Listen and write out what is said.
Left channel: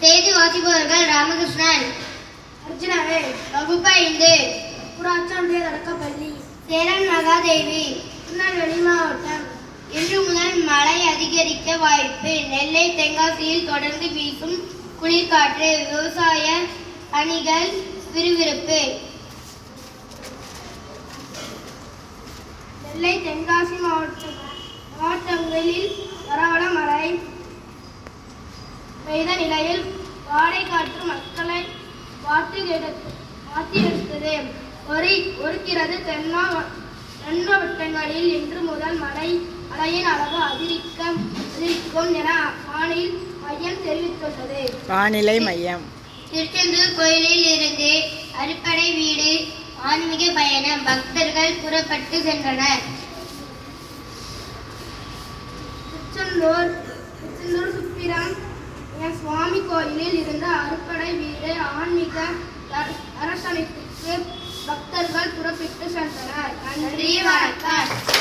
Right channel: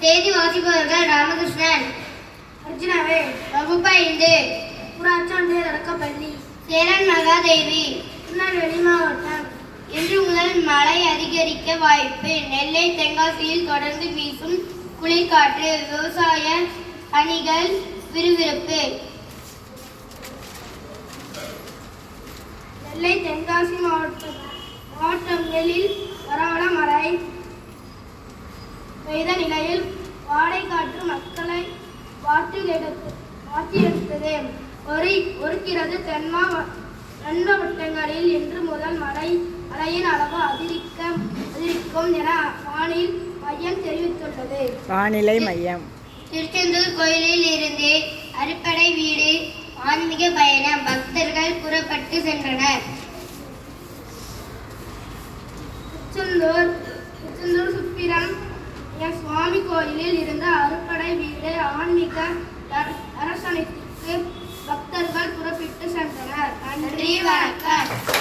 செய்தி வாசிப்பவர்கள் ராமகிருஷ்ணன், அர்ஜுனாவே, வகுப்பு 5, ஊராட்சி தொடக்கப்பள்ளி, சேரன் மகாதேவி. திருநெல்வேலி மாவட்டம். இன்று முதல் மழை அதிகரிக்க வாய்ப்பு. நெல்லை தென்காசியில் தொடர்ந்து வீசும் குளிர்காற்று. விவசாய பணிகள் விறுவிறுப்பு. நெல்லை தென்காசி மாவட்டங்களில் பரவல மழை பெய்த நிலையில் வாடை காற்று மக்களை வாட்டி எடுத்தது. ஒருக்கிறது. தென் மாவட்டங்களில் இன்று முதல் மழையின் அளவு அதிகரிக்கும் என வானிலை மையம் தெரிவித்துள்ளது. திருச்செந்தூர் கோயிலில் இருந்து அறுபடை வீடு ஆன்மீக பயணம். பக்தர்கள் புறப்பட்டு சென்றனர். திருச்செந்தூர் சுப்பிரம் சுவாமி கோயிலில் இருந்து அறுபடை வீடு ஆன்மீக தரிசனத்திற்கு பக்தர்கள் புறப்பட்டு சென்றனர். நன்றி, வணக்கம்.